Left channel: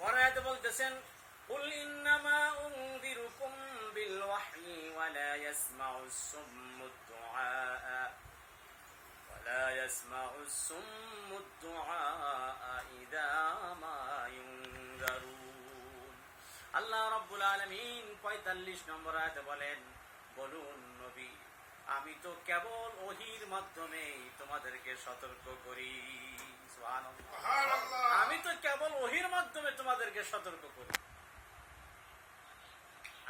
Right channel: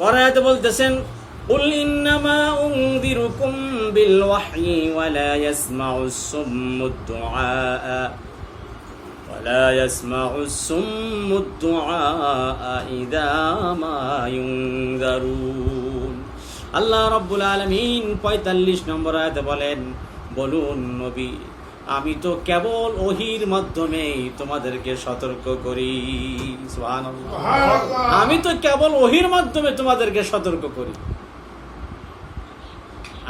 পরে আয়াতে বলতেছেন কুল ইন্নামা উনযিরুকুম বিল ওয়াহয়ি ওয়া লা ইয়াসমাউস সুম্মুদ দুআ ولا يسمع الصم الدعاء إذا ما ينذرون আল্লাহ রাব্বুল আলামিন ৪৫ নম্বর আয়াতে বলেন, বলুন নবী, আমি তো কেবল ওহীর মাধ্যমে তোমাদেরকে সতর্ক করি। সুবহানাল্লাহ। আমি তো কেবল ওহীর মাধ্যমে তোমাদেরকে সতর্ক করি।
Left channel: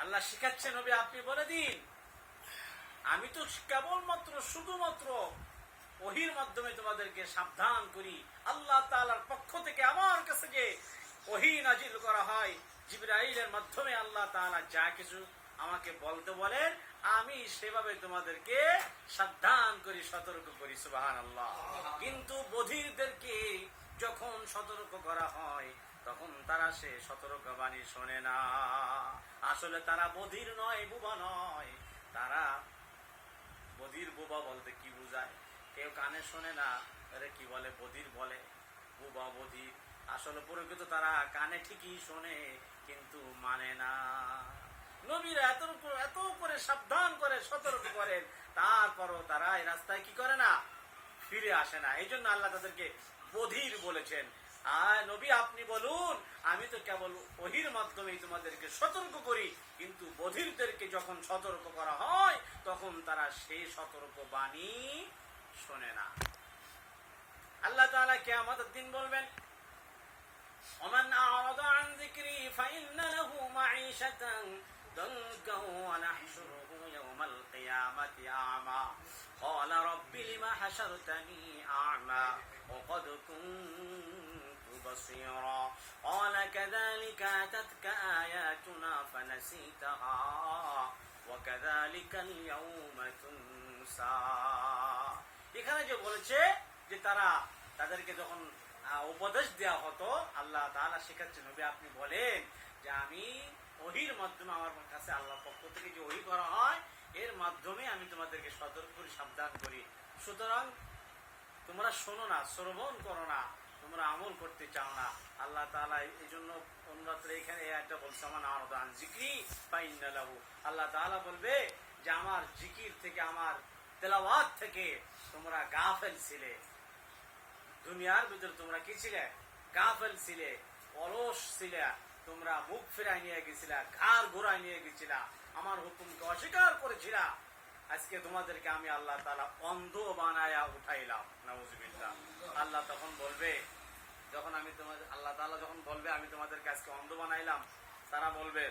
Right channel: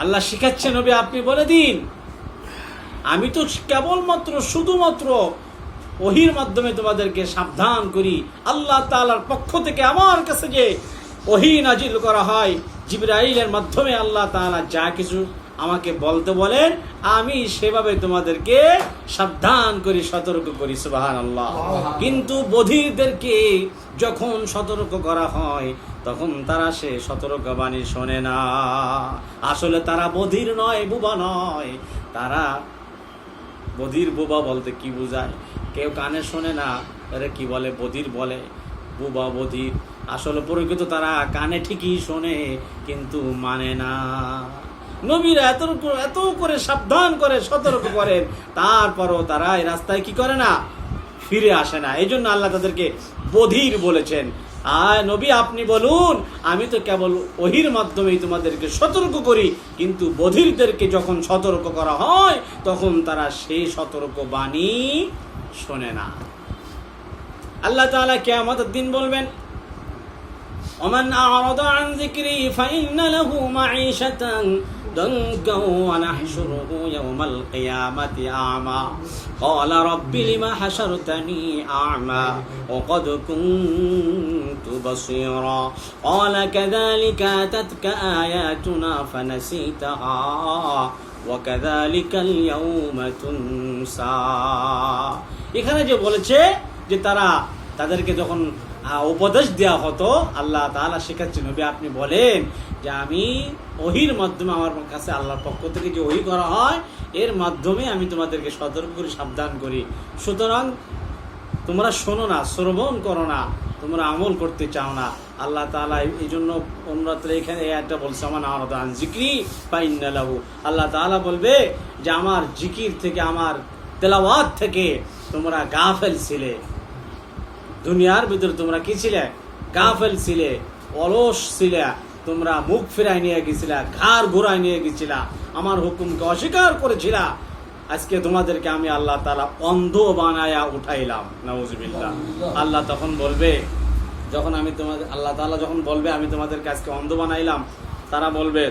আল্লাহ শিখাচ্ছে নবী আপনি বলে দিন, আমি তো কেবলমাত্র শুধুমাত্র ওহীর মাধ্যমে তোমাদেরকে সাবধান করি। আল্লাহ তাআলার পক্ষ থেকে আমার কাছে যে ওহী নাজিল করা হয়, জিবরাইলের মাধ্যমে আল্লাহ তাআলা যা কিছু আমাকে বলতে বলেন, আমি সেভাবে তোমাদেরকে সাবধান করি, সতর্ক করি। সুবহানাল্লাহ। কিন্তু বধিরদেরকে যখন সতর্ক করা হয়, তখন তারা সে সতর্কবাণী শোনে না। আসলে তারা বধির নয়, বুবা নয়। তারা বধির বুবা বলতে কি বোঝায়? কেউ কানে শোনে না, আরে কি বলে, বধির বলে, বুবা বধির। আসলে প্রকৃত তারা কানে ঠিকই শোনে, কিন্তু মানে না। নবীরা এত করে সাবধান করে, সতর্ক করেন, তারপরও তারা এই রাস্তায় কি করে না, ফিরে আসে না। এই জন্য আল্লাহ তাদেরকে বধির বলেছেন। আর নবী আপনি বলুন, আমি তো কেবল ওহীর মাধ্যমেই তোমাদেরকে সতর্ক করি, কিন্তু বধিরদেরকে যখন সতর্ক করা হয়, তখন তারা সেই সতর্ক বাণী শোনে না। আল্লাহ তাআলা কিয়ামতের দিন বলবেন, ওমান আ'রাদা আন যিকরি ফাইন্না লাহু মাঈশাতান দানকা ওয়া নাহশুরুহু ইয়াওমাল কিয়ামাতি আ'মা ক্বালা রাব্বি লিমা হাশারতানি আ'মা ওয়া ক্বাদ কুনতু বাসীরা ক্বালা কাযালিকা আতাতকা আয়াতুনা ফানাসিতাহা ওয়া কাযালিকাল ইয়াওমা তুনসা। এখানে যে বলেছে যে তাদেরকে যখন উপদেশ দেওয়া হতো, আল্লাহ তাআলা শেখাচ্ছেন নবী আপনি বলেন যে আমি ওহীর মাধ্যমে, আমার কাছে আল্লাহর পক্ষ থেকে যে ওহী করা হয়, এর মাধ্যমে আমি তোমাদেরকে সতর্ক করি, সাবধান করি। সুতরাং তোমরা শোনো না, শ্রবণ করো না, তোমরা আমল করতে চাও না। আল্লাহ তাআলা এই জন্য অন্যত্র এখানে একটা বলছে, আমার আ'রাদা আন যিকরি ফাইন্না লাহু। আল্লাহ তাআলা বলবে যে আমার জিকির থেকে, আমার তেলাওয়াত থেকে তোমরা গাফেল ছিলে। দুনিয়ার ভিতরে তোমরা কি ছিলে? গাফেল ছিলে, অলস ছিলে। তোমরা মুখ ফিরাই নিয়ে গেছিলা, ঘাড় ঘুরাই নিয়ে গেছিলা, আমার হুকুমকে অস্বীকার করেছিলা। আজকে তোমাদেরকে আমি আল্লাহ তাআলা অন্ধ বানায়া উঠাইলাম। নাউজুবিল্লাহ। আল্লাহ তখন বলবে, যখন আমি তোমাদের, আল্লাহ তাআলা যখন বলবে আমি তোমাদেরকে আজকে অন্ধ বানাইলাম, তারা বলবে,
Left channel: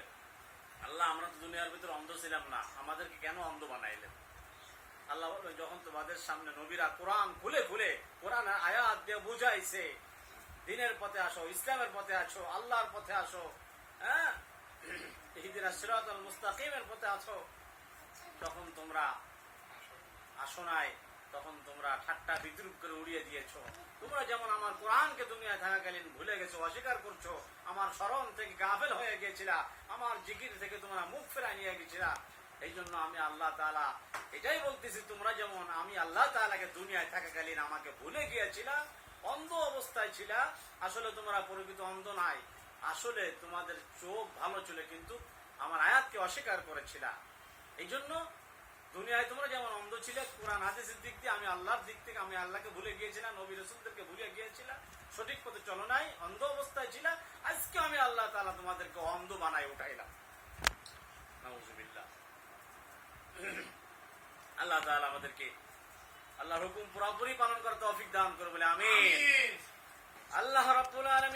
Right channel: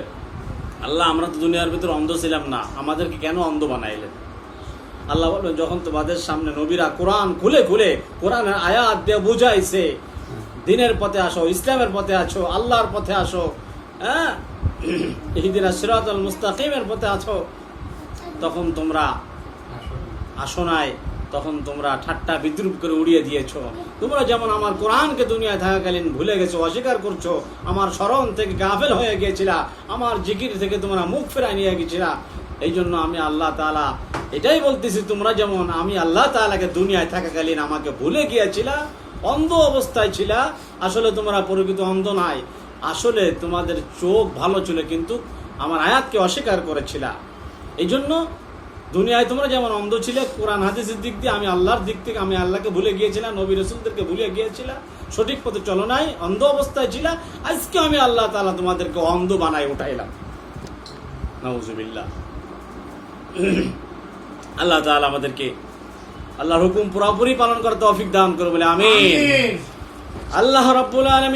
আল্লাহ আমরা তো দুনিয়ার ভিতরে অন্ধ ছিলাম না, আমাদেরকে কেন অন্ধ বানাইলেন? আল্লাহ বলবেন, যখন তোমাদের সামনে নবীরা কোরআন খুলে খুলে কোরআনের আয়াত দিয়ে বুঝাইছে, দ্বীনের পথে আসো, ইসলামের পথে আসো, আল্লাহর পথে আসো, হ্যাঁ, ইহদিনাস সিরাতাল মুস্তাকিমের পথে আসো, তখন তোমরা আসো নাই, তখন তোমরা ঠাট্টা বিদ্রুপ করে উড়িয়ে দিয়েছো। তোমরা যেমন আমার কোরআনকে দুনিয়ায় থাকাকালীন ভুলে গেছো, অস্বীকার করছো, আমার স্মরণ থেকে গাফেল হয়ে গিয়েছিলা, আমার জিকির থেকে তোমরা মুখ ফেরাই নিয়ে গেছিলা। এই জন্য আমি আল্লাহ তাআলা এটাই বলতেছি, তোমরা যেমন আমি আল্লাহ তাআলাকে দুনিয়ায় থাকাকালীন আমাকে ভুলে গিয়েছিলা, অন্ধ অবস্থায় ছিলা। আসলে তোমরা প্রকৃত অন্ধ নাই, আসলে তোমাদের চোখ ভালো ছিল, কিন্তু আমার আয়াতকে অস্বীকার করেছিলা। এই জন্য দুনিয়ায় তোমরা যেমন অন্ধ ছিলে, কোরআন হাদিসের দিক দিয়ে, আমি আল্লাহর দিক থেকে আমি আল্লাহকে ভুলে গিয়েছিলাম, নবী রাসূলদেরকে ভুলে গিয়েছিলাম, সঠিক পথে চলো নাই, অন্ধ অবস্থায় ছিলা। আজকে আমি আল্লাহ তাআলা তোমাদেরকে অন্ধ বানাই উঠাইলাম। নাউজুবিল্লাহ। আল্লাহ তাআলা আমাদেরকে আল্লাহর হুকুম পুরোপুরি পালন করতে তৌফিক দান করুন বলে আমিন। আল্লাহ রাব্বুল আলামিন।